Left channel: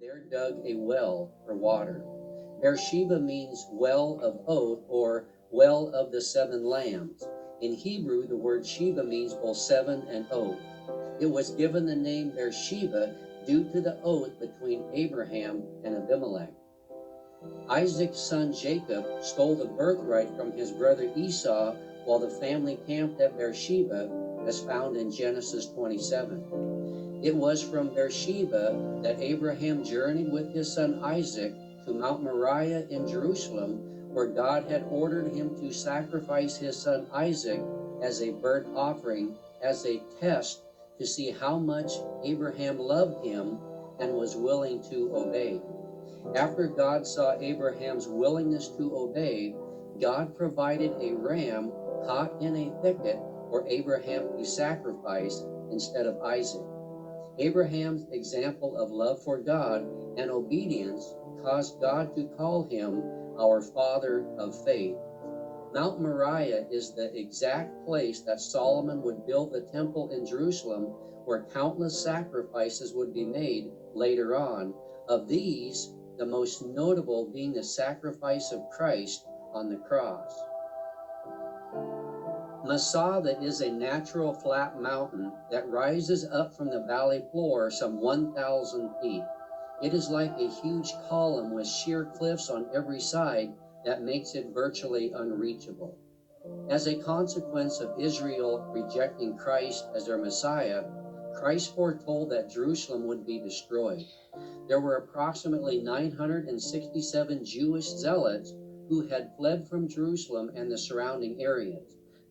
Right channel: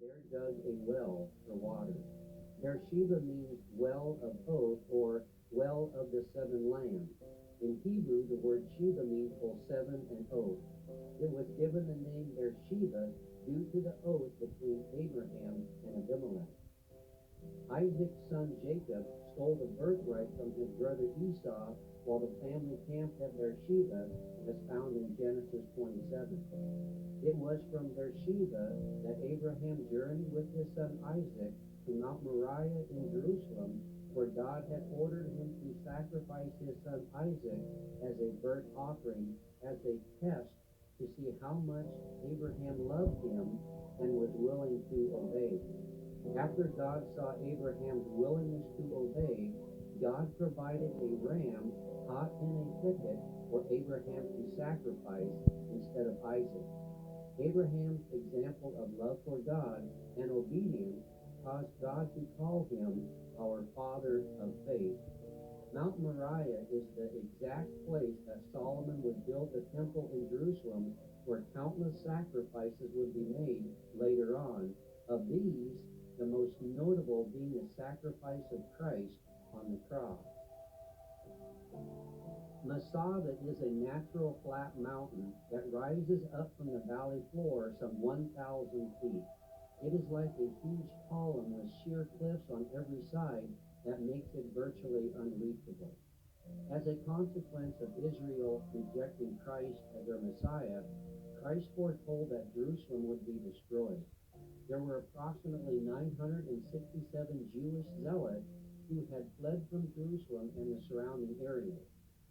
there dug a well for water. Beersheba means well of oath or well of the seven lambs. In Hebrew, the word Sheba means both seven and oath. It was given the name Beersheba due to the oath between Abraham and Abimelech. Isaac's son Jacob stole the birthright from his brother Esau while the family camped at Beersheba, as found in Genesis 27. It was from Beersheba that Abraham journeyed with his son Isaac to Mount Moriah in Jerusalem, where God had ordered him to sacrifice his son Isaac as a burnt offering, as a test to see how much Abraham loved him and was willing to obey. After God saw Abraham's willingness to obey, God provided a ram caught in a thicket for Abraham to sacrifice instead of Isaac. Abraham's example of love for God and obedience caused God to call him our father of faith. Mount Moriah is the exact place that Solomon would build the temple in Jerusalem, where countless sacrifices would be made later on. Of these, the most notable being the sacrifice of Christ on the cross. Masada is a natural flat mountain that rises up from the valley floor some 1,000 feet. It is like a huge column with sheer cliffs on every side that makes it virtually unreachable. As a consequence of Israel rejecting Christ as their Messiah, Christ foretold that Jerusalem would be destroyed. There were approximately 967 Jewish zealots who had fled from Jerusalem and the surrounding areas.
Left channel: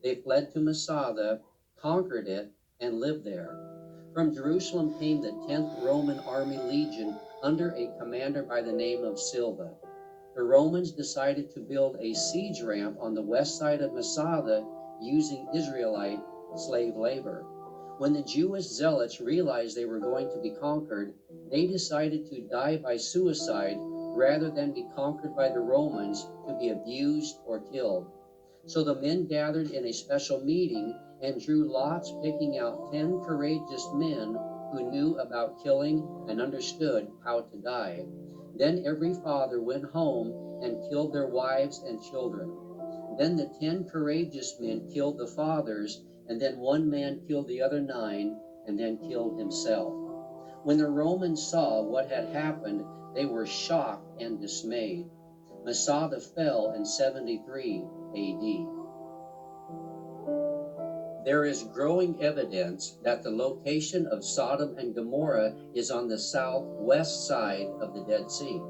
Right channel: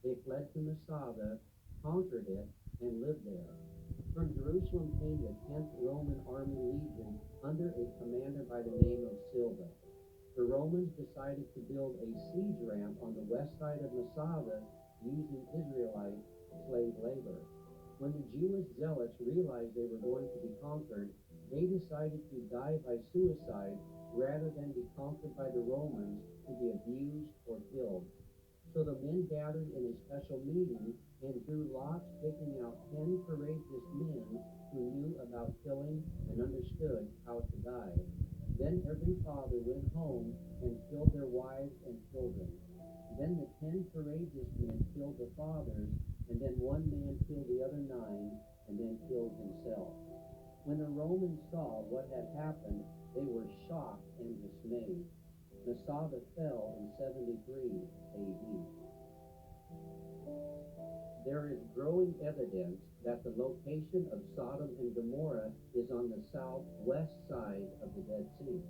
They fled to Masada, conquered it, and lived there. From Jerusalem came the 10th Roman Army Legion under a commander by the name of Silva. The Romans decided to build a siege ramp on the west side of Masada using Israelite slave labor. When the Jewish zealots realized they were going to be conquered, they decided to die by suicide rather than be conquered by the Romans to be abused or killed. So the men gathered in a special meeting and drew lots, picking out 10 courageous men who knew about killing and understood how to die. Then every father went home and killed their wives and children. Then the 10 courageous men killed the fathers, and then one man killed the other 9, and then killed himself. When the Romans saw what had happened, they were shocked and dismayed. Masada fell in 73 AD. There is growing evidence that the location of Sodom and Gomorrah is on the southwest side of the Dead Sea.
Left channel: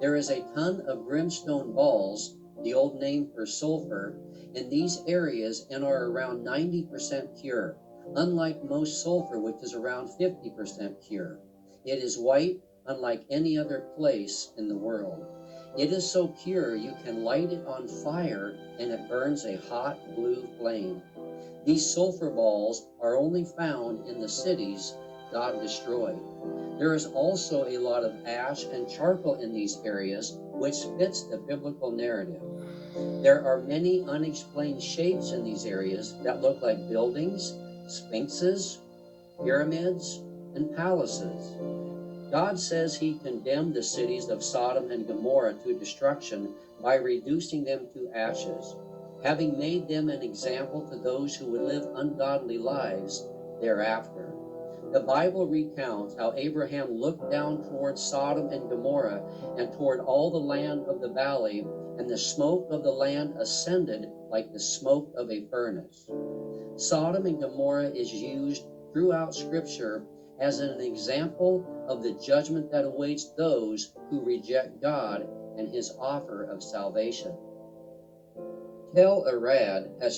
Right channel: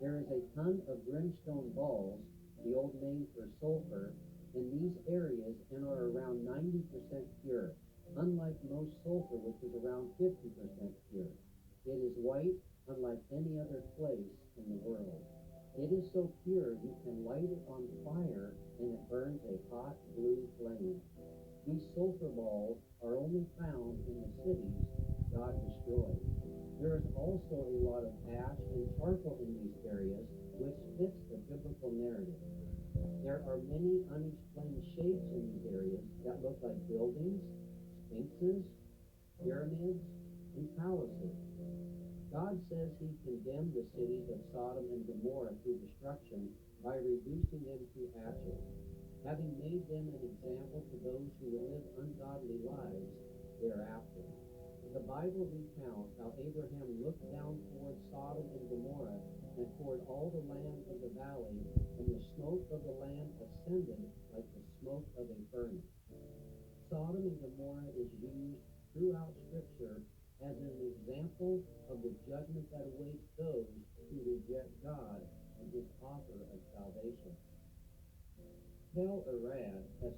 There is a ton of brimstone balls, the old name for sulfur, in these areas and are around 90% pure, unlike most sulfur, which is around 50% pure. It is white, unlike any other place in the world. It is so pure you can light it on fire and it burns a hot blue flame. These sulfur balls are only found in the cities God destroyed. There is also a lot of ash and charcoal in these areas, which fits the biblical narrative. There are many unexplained shapes in these areas that look like buildings, sphinxes, pyramids, and palaces. God says he condemned the cities of Sodom and Gomorrah to destruction by reducing them to ashes, having made them an example to those who would live ungodly lives thereafter. The Bible recounts how Abraham looked down toward Sodom and Gomorrah and toward all the land of the valley, and the smoke of the land ascended like the smoke of a furnace. Sodom and Gomorrah is used throughout Scripture as an example of the judgment that awaits those who reject God and his offer of salvation. Tel Arad has